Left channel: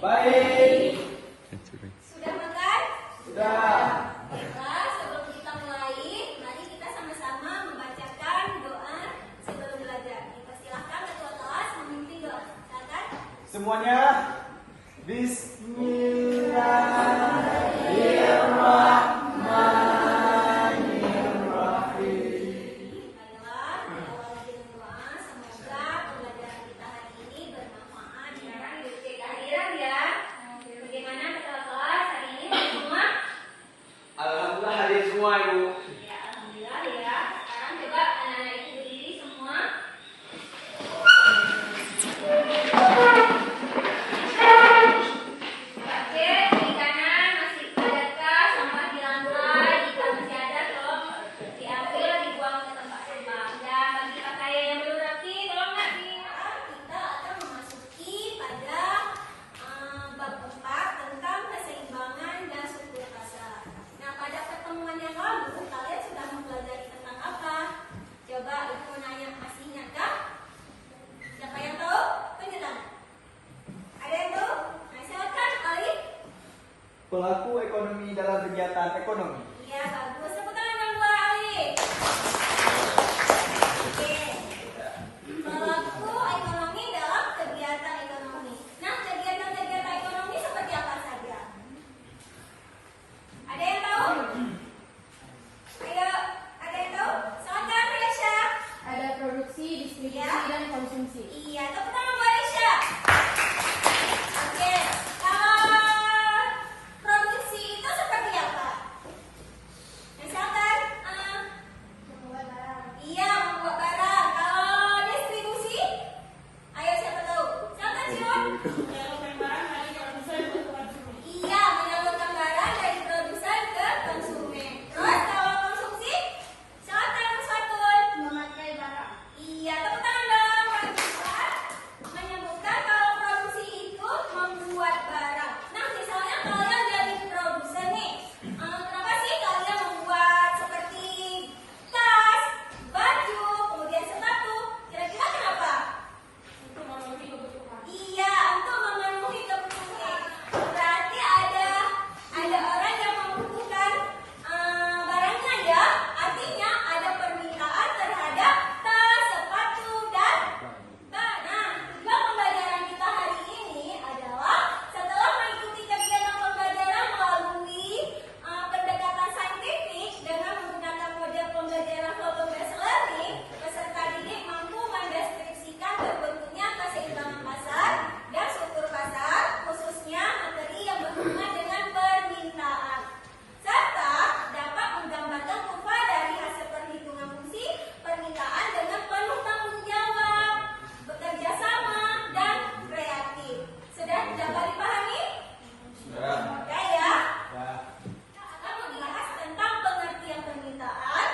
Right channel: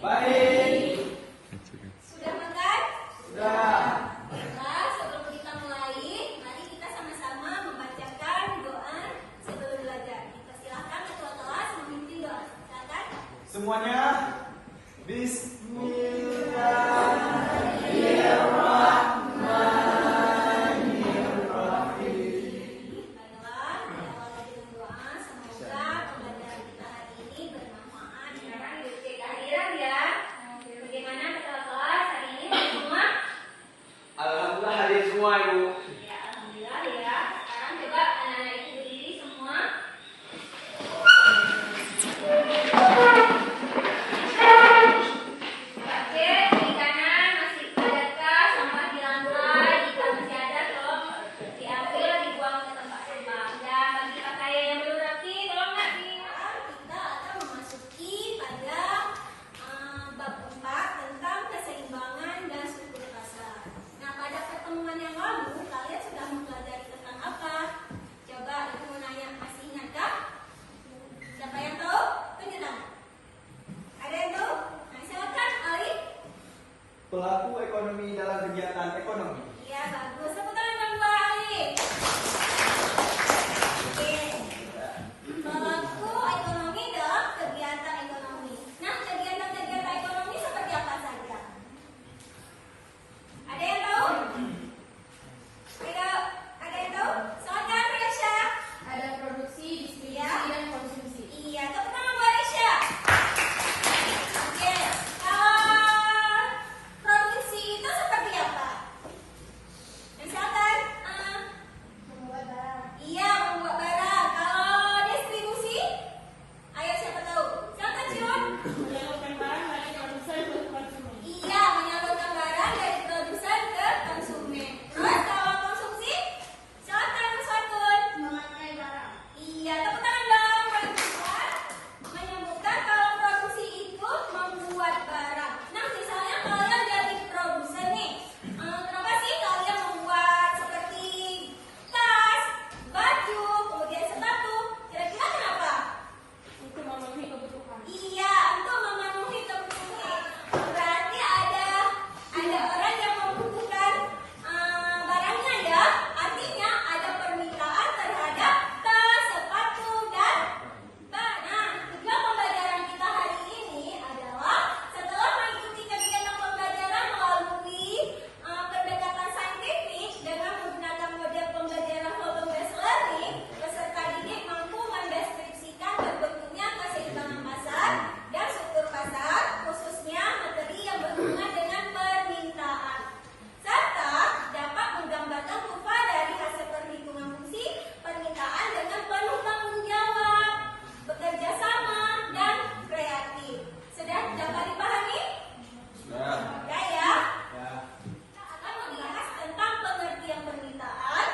Baik. Sudah makan? Sudah. Baiklah, sebelum kita mulai, mari kita sama-sama membacakan doa sebelum belajar. Persilakan ketua kelas memimpin doa. Silakan. Semuanya. Bismillahirrahmanirrahim. Baiklah, diawali dengan doa. Semoga pembelajaran kita hari ini bermanfaat. Sekarang duduk kehadiran ya. Bagaimana ketua kelas hari ini semua? Alhamdulillah hadir semua Ibu. Ya, alhamdulillah ya. Sekarang coba anak-anak itu berdiri semua. Coba cek di kanan masih adakah sampah di lantai? Jika masih ada, tolong diambil, dibuang ke tempat sampah. Dan bagi pakaian yang belum rapi, tolong nggak kita akan memasuki pada bab 4 tentang keseimbangan dan struktur pasar. Nah, pada pertemuan yang lalu kalian sudah mempelajari tentang apa? Coba ibu mau nanya, masih ingatkah? Siapa yang tahu? Tunjuk tangan. Ada yang tahu? Nah, silakan Ali. Pelaku ekonomi dalam kegiatan ekonomi. Iya, bagus. Tepuk tangan yang dua Ali. Oke. Pelaku ekonomi dalam kegiatan ekonomi. Nah, kegiatan-kegiatan ekonomi seperti apa saja? Ada yang tahu? Ayo, ada yang tahu? Silakan Resya. Ada produksi, distribusi, dan konsumsi. Iya, tepuk tangan buat Resya. Oke, kalau produksi itu seperti apa? Misalkan, Membuat barang. iya membuat barang. Kalau distribusi, ayo siapa tahu? Silakan Ciron. Menyalurkan barang dari produsen ke konsumen. Iya, menyalurkan barang dari produsen ke konsumen. Terus kalau konsumsi, silakan Saiful. Memakai barang. Iya, tepuk tangan dong. Menyebutkan kalau produksi itu membuat barang. Nah, misalnya kalian jadi produsen nih. Kenapa sih kalian membuat seperti tas, baju, kemudian sepatu? Kira-kira kenapa? Untuk memenuhi kebutuhan. Iya, untuk memenuhi kebutuhan. Berarti ada orang yang membutuhkan barangnya ya. Artinya ada permintaan terhadap tas, sepatu, dan nah, tujuan pembelajaran kita hari ini adalah setelah mengikuti kegiatan pembelajaran melalui pendekatan saintifik dengan menggunakan model pembelajaran problem based learning, peserta didik mampu mendeskripsikan terbentuknya keseimbangan pasar dan struktur pasar, khususnya materi yang berhubungan dengan permintaan, serta dapat menggambarkan kurva dari hasil perhitungan fungsi permintaan dengan penuh tanggung jawab, bekerja sama, dan kreatif. Sudah dapat dipahami? Sudah. Sudah ya? Kita akan membahas tentang pengertian permintaan,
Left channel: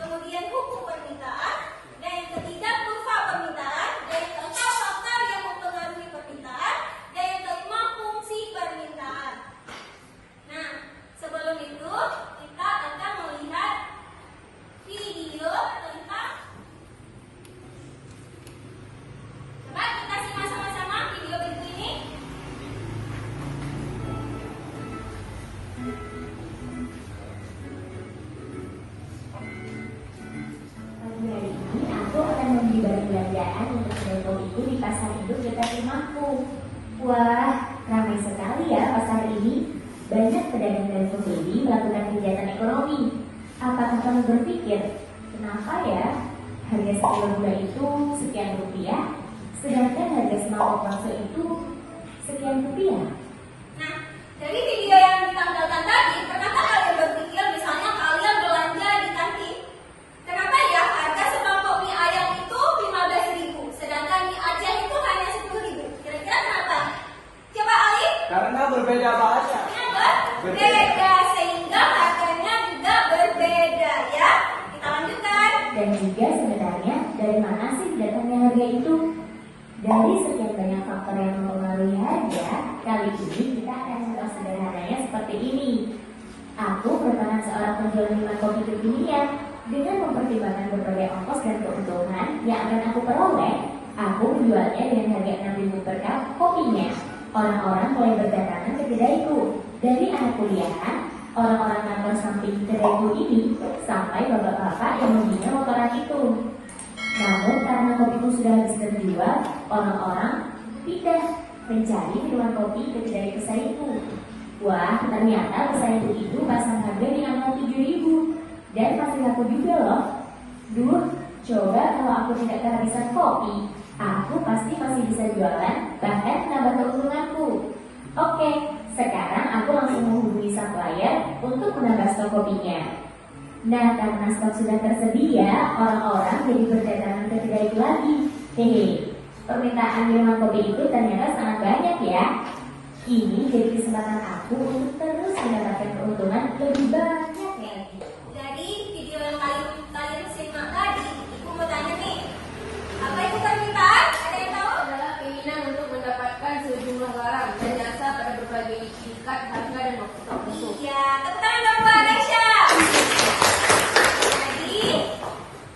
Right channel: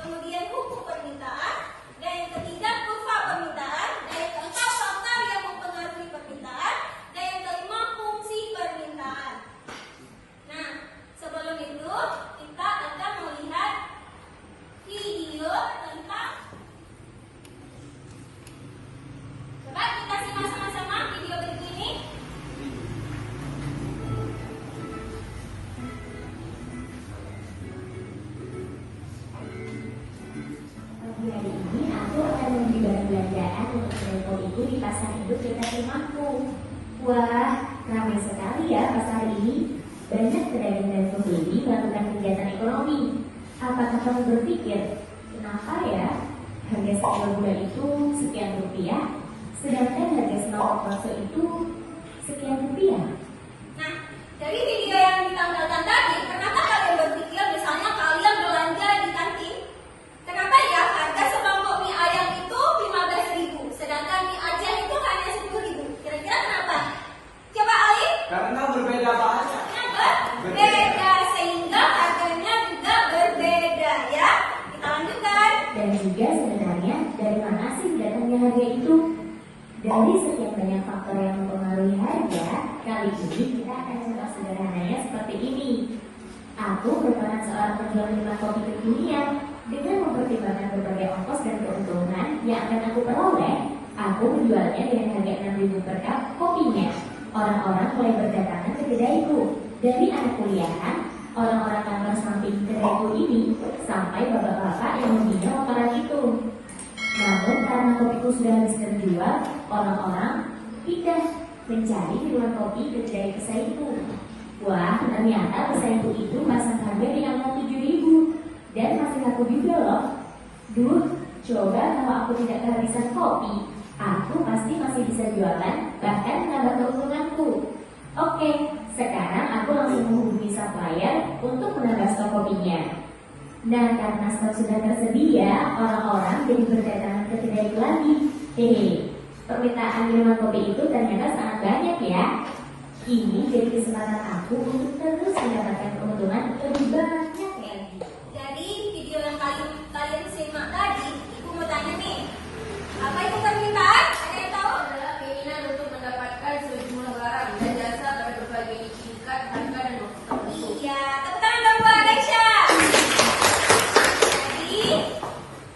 kemudian hukum permintaan, dan yang ketiga kurva permintaan, dan yang keempat faktor yang mempengaruhi permintaan, dan yang kelima fungsi permintaan. Nah, sebelum itu kita akan melihat video tentang. Coba kita simak sama-sama video berikut ini. Pagi hari ini aku akan membeli barang belanjaan untuk menonton itu di pasar induk dekat rumahku. Wah, ramai sekali ya pasar ini. Banyak pedagang dan pembeli melakukan kegiatan ekonomi. Apakah kamu berpikir, kenapa ya harga sekilo gula itu sekian rupiah, sedangkan harga senol oploso itu sekian rupiah? Nah, dari video yang ditampilkan tadi, kenapa kalian berpikir misalnya kalian belanja di kantin? Kenapa ya harga semangkok mie ayam itu 15.000, sedangkan mie Aceh itu hanya 10.000? Kira-kira kenapa? Coba Ali. Karena berbeda banget. Kenapa? Beda, sehingga harganya juga berbeda ya. Kita lanjutkan. Dan juga sebenarnya dari mana sih datangnya harga itu? Dari sekian banyak faktor yang mempengaruhi harga, kali ini kita akan mengulas sederhananya seperti ini. Aku merupakan seorang penjual minuman kopi kekinian. Dengan mempertimbangkan berbagai ongkos dan keuntungan yang akan aku peroleh, aku menjualnya dengan harga 6.000 per cup kopinya. Orang-orang mulai berdatangan ke kedaiku. Dari anak kuliahan, orang-orang kantor samping kedaiku ini, sampai bapak-bapak yang membina motoran itu. Namun karena kopiku sudah habis terjual, orang-orang pindah mencari minuman kopi ke kedai pesaingku. Wah, ternyata pesaingku itu pasang harga di angka 7.000 dan masih laku juga loh. Duh, coba kalau aku tidak kehabisan kopi, aku pasti masih bisa jualan, bahkan menambah keuntunganku. Oke, sekarang aku langsung menghubungi supplier untuk menambah stok kopinya. Nah, karena stok sudah tersedia, orang-orang jadi berdatangan ke kedai lagi. Permintaan minuman kopi itu ternyata sangat banyak ya. Ini jadi kesempatan aku untuk terus mendapatkan keuntungan lebih banyak ya. Dari video yang kalian simak tadi, aku mau tanya nih, apa itu permintaan? Ada yang tahu? Adalah keinginan untuk mendapatkan sejumlah barang dan jasa pada berbagai tingkat harga dan waktu. Iya, tepuk tangan dong buat Aisyah. Jadi,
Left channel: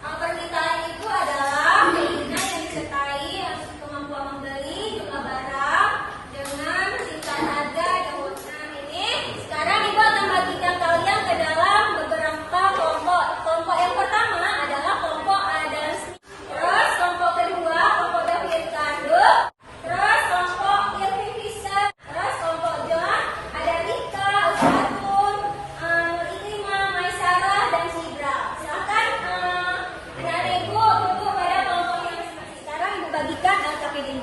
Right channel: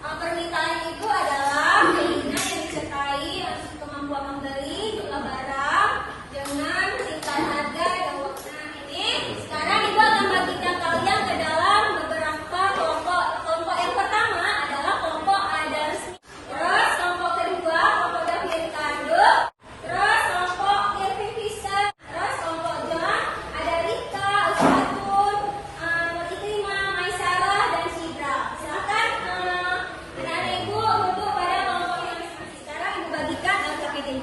permintaan itu adalah keinginan yang disertai kemampuan membeli jumlah barang dengan tingkat harga dan waktu. Ini sekarang Ibu akan bagikan kalian ke dalam beberapa kelompok. Kelompok yang pertama adalah kelompok Adams. Terus kelompok kedua kelompok David Ricardo. Terus kelompok Kevin Fisher. Terus kelompok John ada Rita, Ustadun, Nur Ikrimah, Maisarah dan Citra. Silahkan anak-anak Ibu duduk pada kelompok yang sekarang Ibu bagikan ke ini.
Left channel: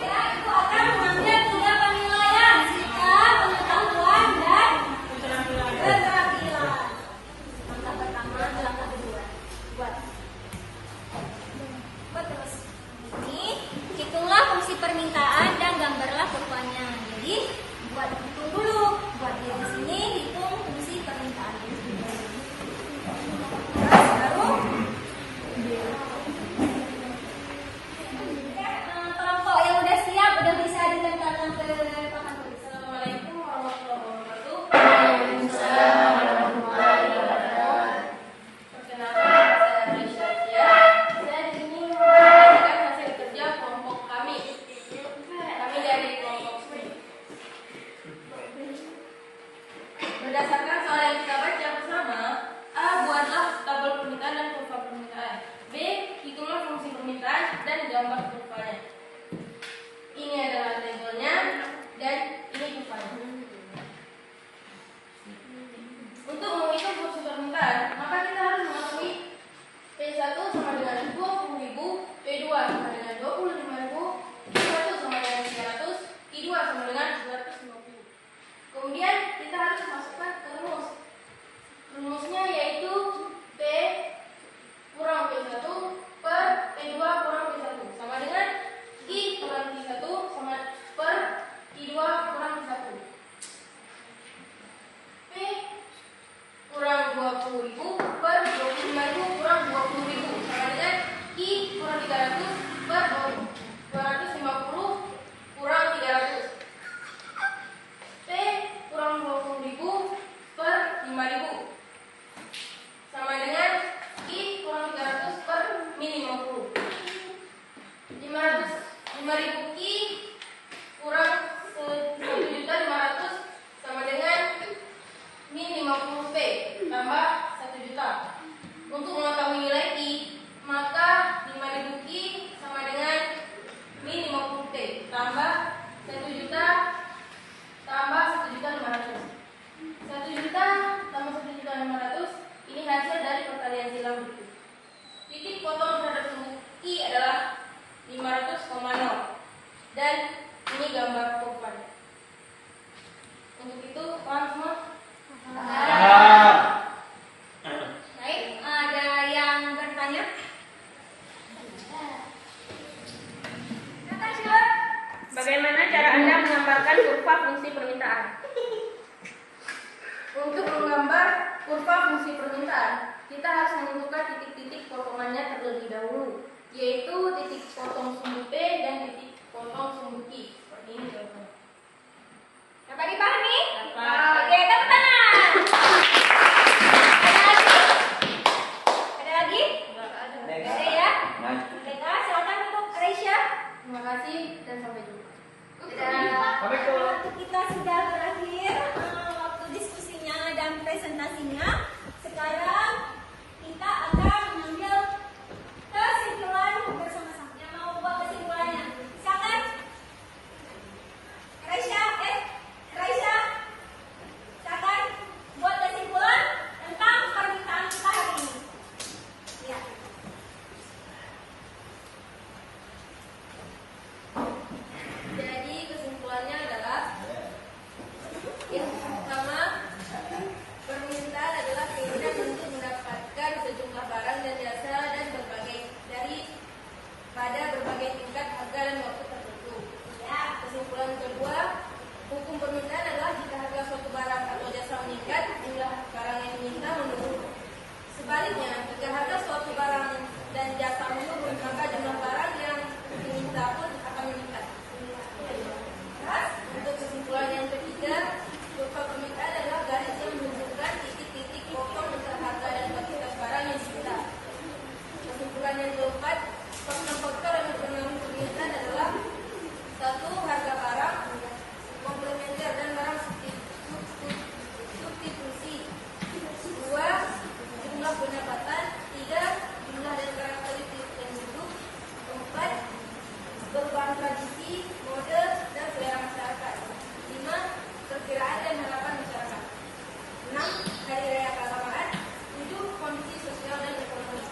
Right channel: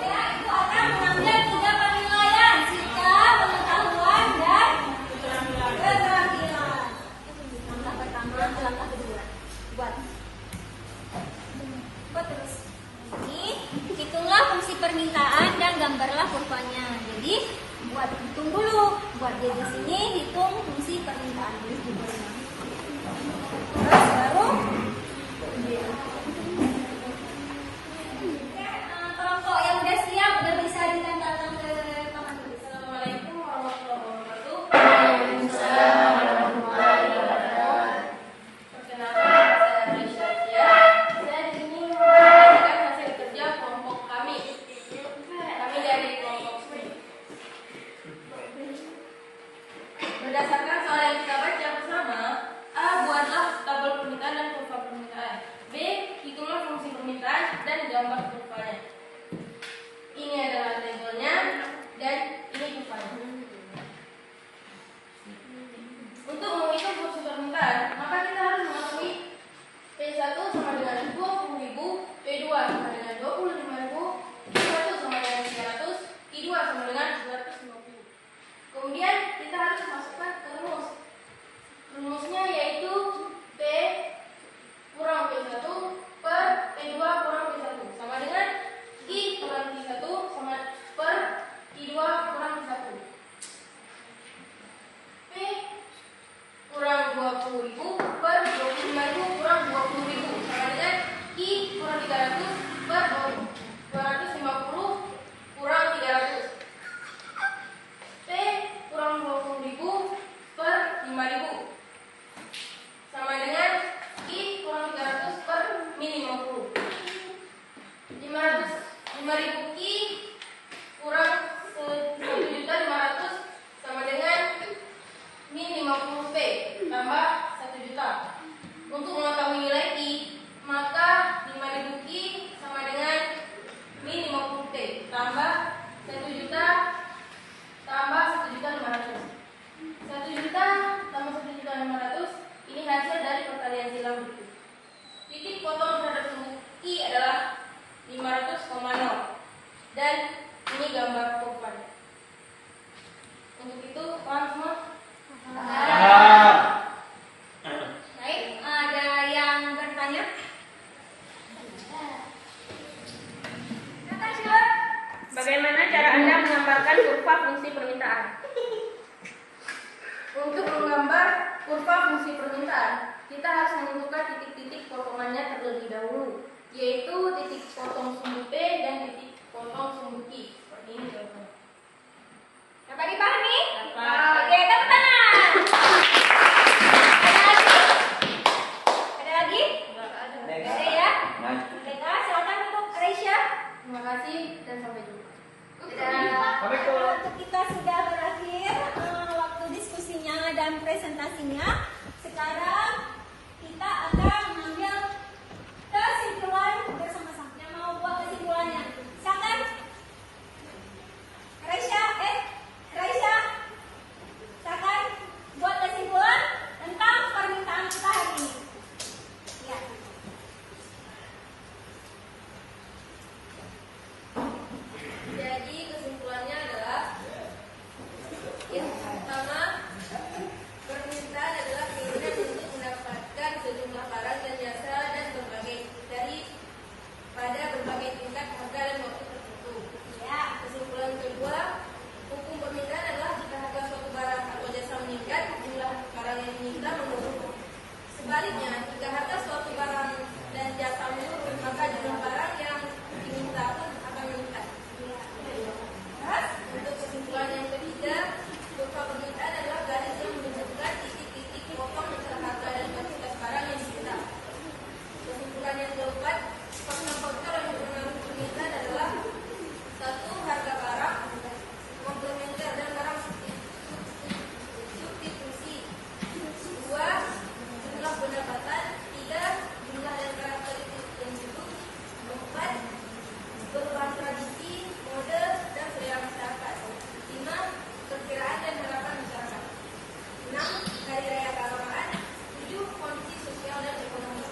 Ya, itu akan mengambil 3 penilaian: jika pengetahuan dan keterampilan. Langkah pertama, langkah kedua. Buat terus. Ini hitunglah fungsi permintaan dan gambarlah kurvanya. Jadi buat hitung dulu. Buat dia di sini hitung fungsi permintaan. Terus baru kelompok yang udah siap udah bisa dilemparkan ke teman-teman. Assalamualaikum warahmatullahi wabarakatuh. Perkenalkan, saya Risha Sia. Saya di sini memberikan hasil kerja kelompok kami. Kami dari kelompok SME. Berdasarkan soal yang kita baca bersama, A. Buatlah tabel permintaan dan kurva permintaan. B. Hitunglah fungsi permintaan dan gambar kurvanya. Ini adalah tabelnya dan ini kurvanya. Untuk menghitung fungsi permintaan, maka kita harus mengetahui P1 sama dengan 20.000, P2 sama dengan 25.000, P1 sama dengan 300, P2 sama dengan 250. Kemudian kita harus masukkan ke rumus. Rumusnya yaitu P kurang P1 per P2 kurang P1 sama dengan I kurang P1 sama per I2 kurang P1. P kurang 20.000 per 25.000 kurang 20.000 sama dengan I kurang 300 per 250 kurang 300. P kurang 20.000 per 5.000 sama dengan I kurang 300 per min 50. 5.000 I kurang 1.500.000 sama dengan min 50 P tambah 1 juta. Untuk mengetahui nilai I, maka 5.000 I sama dengan min 50 T tambah 1 juta tambah 1.500.000. 1 juta tambah 1.500.000 ini hasil dari perkalian silang berikut. Titik potong terhadap sumbu I adalah 500,0 dan ini gambar kurvanya. Untuk itu, paham semua? Baik, ada yang bertanya? Silakan, Syur. Bagaimana cara Anda menggambarkan kurva fungsi permintaan? Untuk menggambar kurva fungsi permintaan, kita harus menentukan titik-titik potongannya terlebih dahulu, yaitu titik potong sumbu P dan titik potong sumbu I. Seperti ini contohnya. Dapat dipahami? Dapat. Oke, tepuk tangan. Ada lagi? Ada lagi? Nggak ada. Ada ya? Baik. Baiklah, silakan untuk Reisha. Terima kasih dan sampai jumpa. Waktu kita sudah berakhir waktu diskusinya dan presentasinya. Sekarang kita akan mengambil kesimpulan bersama-sama. Yang mau buat kesimpulannya? Silakan. Raisya, silakan buat kesimpulan tentang permintaan kita hari ini. Ya. Jadi kesimpulannya adalah yang pertama, permintaan adalah keinginan untuk mendapatkan sejumlah barang dan jasa dan pada berbagai tingkat harga dan waktu tertentu. Ya, kesimpulan kedua, hukum permintaan adalah jika harga suatu barang atau jasa meningkat, jumlah barang yang diminta menurun. Sebaliknya, jika harga suatu barang dan jasa menurun, maka jumlah barang yang diminta pun akan meningkat. Untuk kesimpulan yang ketiga, hukum permintaan adalah garis yang menunjukkan titik-titik pokok besar harga dan kuantitas barang yang diminta. Kesimpulan yang keempat, faktor-faktor yang mempengaruhi permintaan adalah satu, harga barang, komplementer dan barang substitusi. Dua, jumlah pendapatan. Tiga, jumlah dan barang politik yang duduk. Empat, perubahan tradisi, mode dan selera masyarakat. Lima, perkiraan dan harapan masyarakat. Enam, hari raya pahlawan. Tujuh, kondisi sosial dan ekonomi.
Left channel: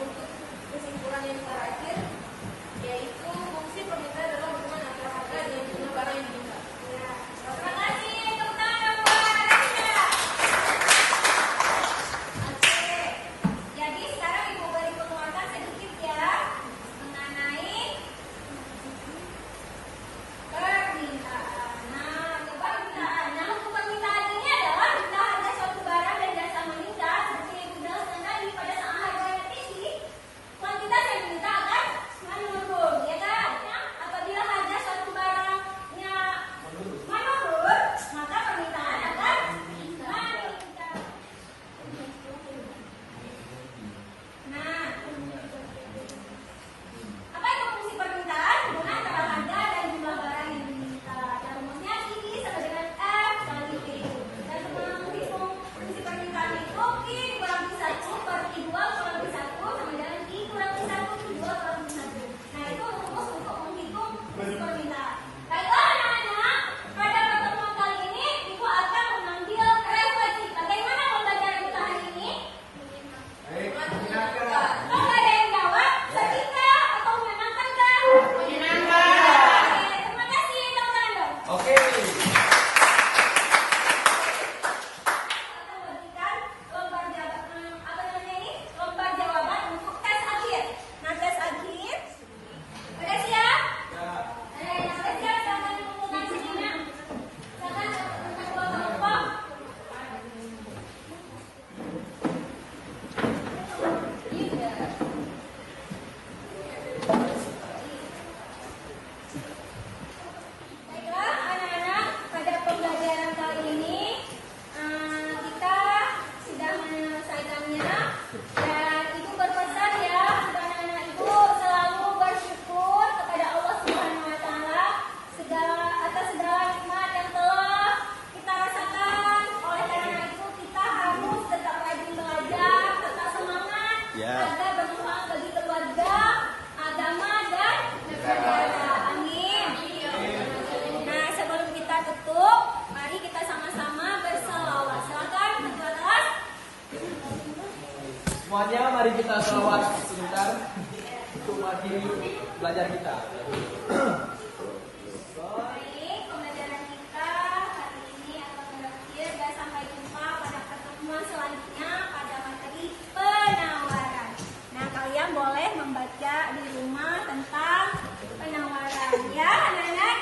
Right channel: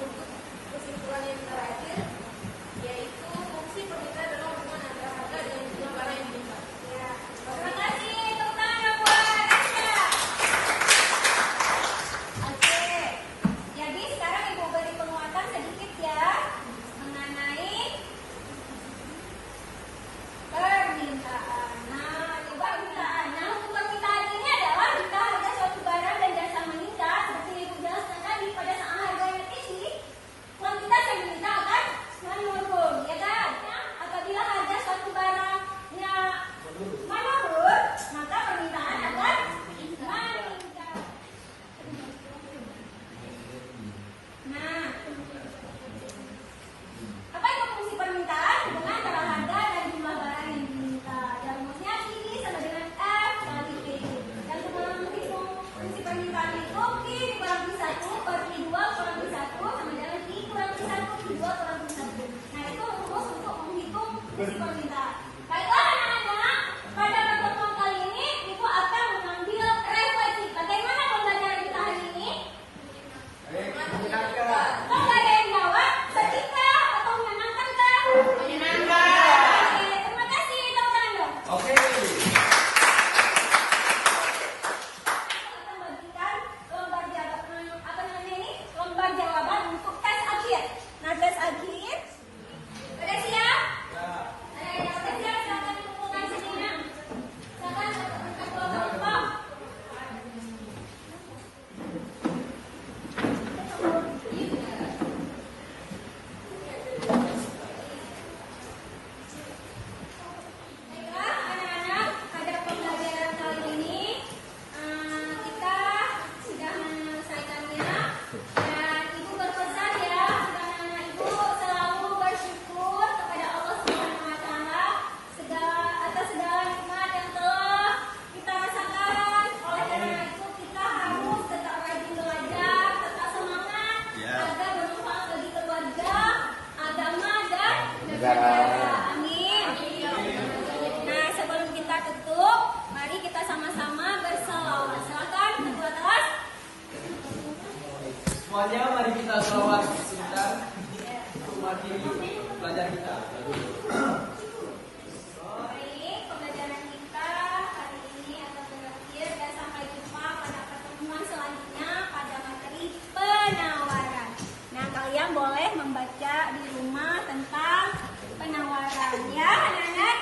Untuk kesimpulan yang terakhir, yaitu fungsi permintaan adalah hubungan antara harga dan jumlah barang yang diminta. Terima kasih, tepuk tangan buat Raisya. Oke, jadi sekarang Ibu boleh penguatkan sedikit ya mengenai permintaan. Nah, hukum permintaan ini adalah jika harga suatu barang dan jasa meningkat, seperti Ibu jelaskan tadi, pada saat harganya tinggi, kuantitas yang diminta akan menurun, ya kan? Apabila harga suatu barangnya menurun, maka permintaan akan meningkat. Nah, apa itu fungsi permintaan? Hubungan antara harga dan jumlah barang yang diminta. Dan rumusnya ini sama dengan F kali I. Dan kemudian menghitung fungsi permintaan itu P kurang 1 per I2 kurang 1 sama dengan I kurang 1 I2 kurang 1. Nah, itu rumus untuk menghitung fungsi permintaan. Baiklah anak-anak, pada pertemuan kali ini Ibu akan mengambil refleksi. Bagaimana pembelajaran kita hari ini? Kalau ada yang jawab, setika atau menyenangkan kan? Menyenangkan. Terima kasih, teman-teman. Oke. Akan bagikan lembar jawaban, lembar jawaban untuk tes akhir. Nah, tes akhir, udah siap? Ada yang udah siap? Silakan mengumpulkan dirinya. Silakan ke kelompok. Baiklah, anak-anak, pada pembelajaran kali ini kita sudah menyelesaikannya. Dan Ibu berpesan ya, anak-anak itu selalu bersyukur kepada Allah Subhanahu Wa Taala atas segala nikmat yang telah kita rasakan. Oleh karena itu kita harus tetap rajin belajar, tetap semangat agar bermanfaat bagi keluarga, agama dan negara. Amin. Nah, sebelum kita tutup, mari kita sama-sama berselawat. Silakan ketua kelas. Semuanya mari kita selawat sebentar untuk mengakhiri belajar kita. Baik, pembelajaran kita hari ini akan berakhir dan sampai jumpa pada pertemuan selanjutnya pada materi penawaran. Nah, kalian boleh membaca di rumah tentang penawaran ya, anak-anak.